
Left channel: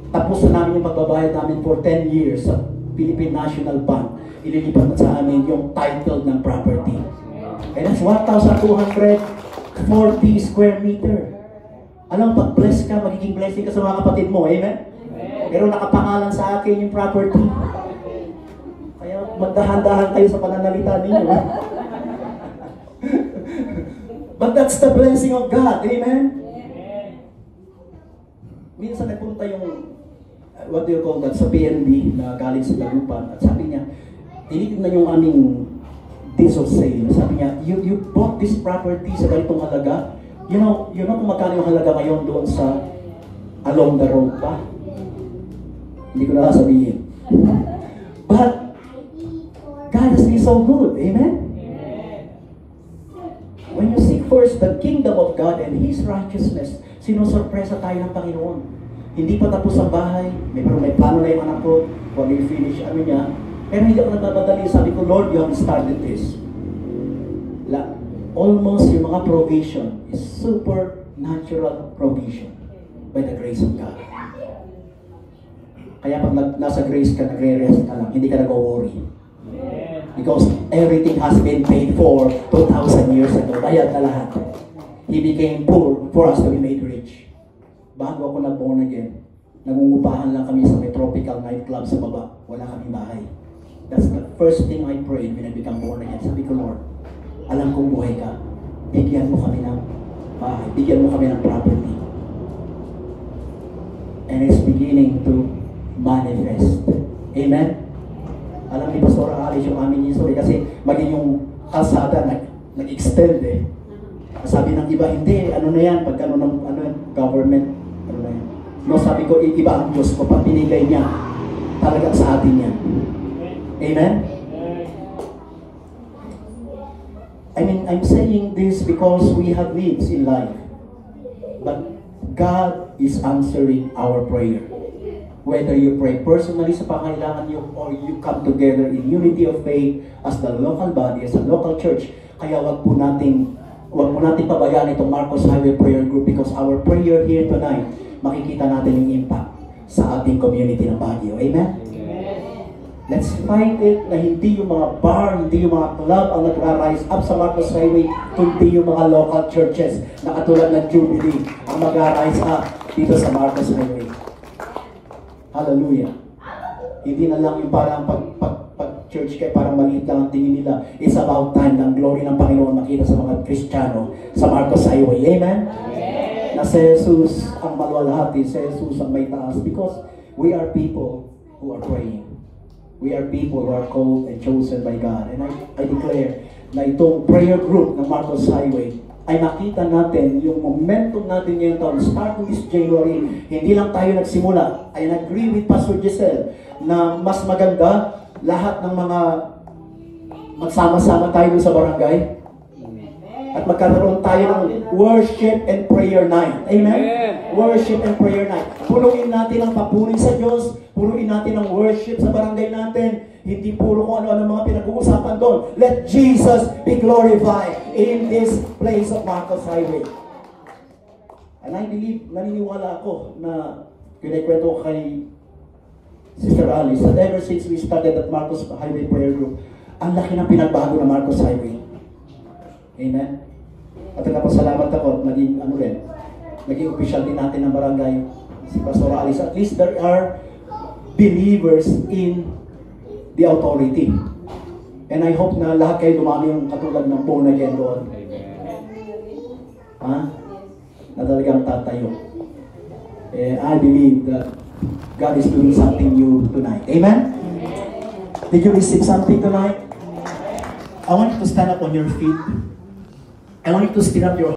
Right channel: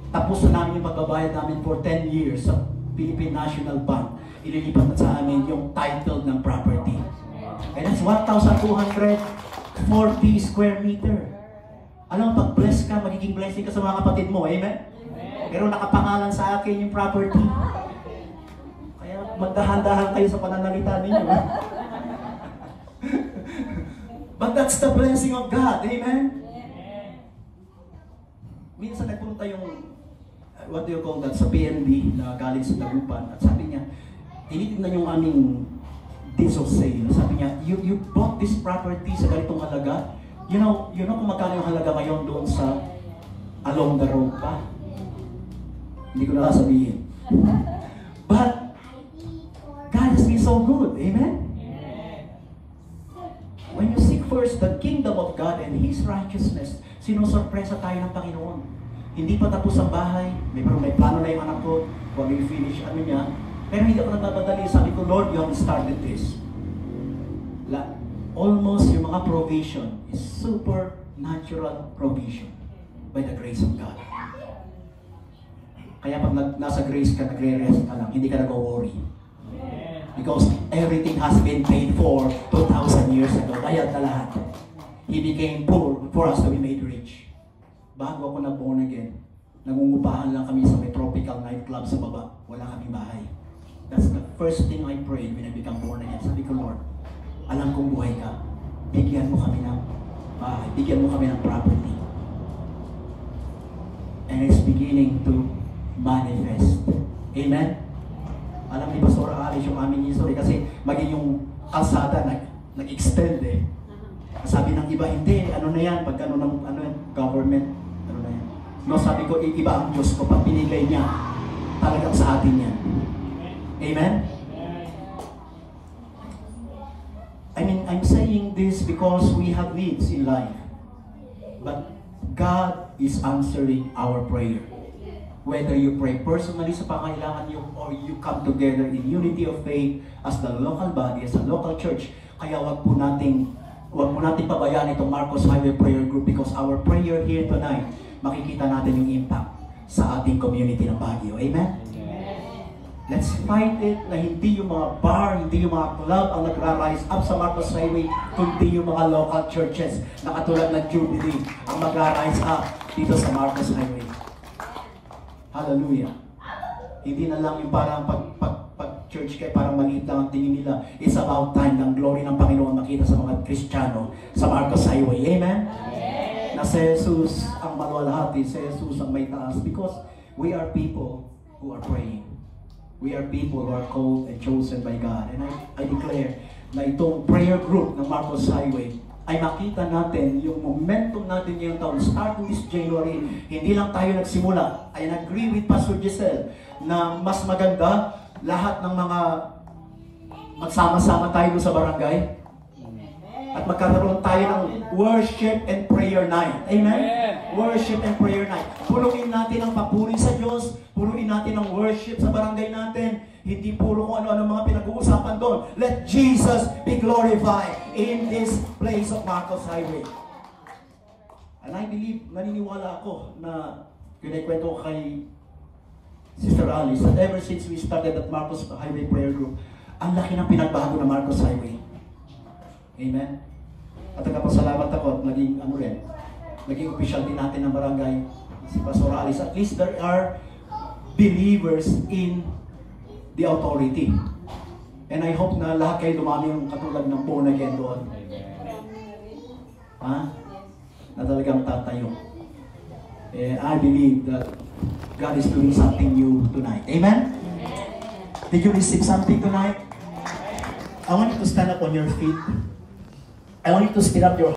tapos na namin yung pagbabayad namin for 10 years sa Philippine National Bank. Ililipat sa amin yung title ng property. And that's 1,240 square meter. Alam, pag bless ka, magiging blessing ka sa mga kapatid mo. Amen? Pero nakapangalan sa akin yung property. Kaya magdahan-dahan kayo sa pananalita ninyo. But that's the blessing of God. Amen? Minsan nagpunta yung, what do you call that, sa PNB na galing sa Dagupan. At sabi niya, tinitignan yung aming days of sale. Sabi niya, you bought this property sa ganitong halaga. You know kung magkano yung halaga ngayon doon sa along the road pa? Hindi ko na sabihin. But God has been so good. Amen? When you seek first the kingdom of God and His righteousness, sinusurpresa tayo ng Panginoon. Hindi pa tapos ang bahay, pero may plano na yung anak ko, kung i-finish, niya. Pero hindi ako nagdadali, sabi ko, Lord, you have started this. Almost yung mga provision is supernatural provision by the grace of God. Kaya pag nasa grace ka, nagre-rest ka lang, hindi ka nag-worry. Because everything has been paid for 2,000 years ago. Bayad na lahat. He became poor for us to be made rich. Bago ako nag-born again, nangungupahan lang kami sa may tropical nightclub sa baba. Wala kaming bahay. That's the first thing I prayed when I became born again. Sabi ko, Lord, alam kong buhay ka. Bigyan mo kami ng bahay. Bigyan mo kami ng property. And it's beginning to manifest. Amen? Alam ni Pastor Alice yung aming history kasi maging yung kalsada nag-extend eh. Sabi ng iba, hindi, ano na yan, pagka government, ano na yan. No, sabi ko, iba ang Diyos ko, pag pinilay niya, talagang sa atin yan. Amen? I'm saying this because we have needs in life. But God is answering our prayer. Whether you pray personally sa pangailangan niyo or you come together in unity of faith as the local body, as a local church, kaya wag po natin pabayaan itong Marcos Highway Prayer Group because our prayer here tonight, makikita natin yung impact sa ating community ng Baguio. Amen? Let's fight it na hindi yung mga bar, hindi yung mga club ang nagra-rise up sa Marcos Highway, kundi yung mga local churches na katulad ng Jubilee ang magra-rise up dito sa Marcos Highway. Hallelujah. Hindi na lang yung parang pag-church kayo, parang maliit lang ang tingin nila. It's about time ng glory ng Panginoon makita sa mga Kristiyano sa Marcos Highway. Amen? Na si Jesus ang maluwalhati, si Jesus ang may taas because we are people who are praying. We are people who are called and chosen by God. And I declare na itong prayer group ng Marcos Highway ay makita natin yung momentum natin ngayong taon. Starting this January, hindi lang tayo nagsimula. I agree with Pastor Giselle na mas maganda lahat ng mga magsama-sama tayo sa barangay at magkaroon tayo ng worship and prayer night. Amen? worship and prayer night. Punuin natin ang papuri sa Diyos, punuin natin ang worship sa barangay natin, hindi puro kung ano-ano mga pinag-uusapan doon. Let Jesus be glorified in this place of Marcos Highway. And I believe, naniniwala ako na kinikwento ko kay Sister Alice that ever since we started at Marcos Highway Prayer Group, ang laki ng pinagbago ng Marcos Highway. Amen? At nagpasalamat ako, naging official din natin ng barangay, si Pastor Alice. At least there are believers in the authority. And I hope na lahat kayo dumami yung katulad ng born again doon. Ha? Na talagang tatayo. And I believe that God is doing something new tonight. Amen? Did you receive something tonight? I want you to stand up on your feet. I want you to stand up your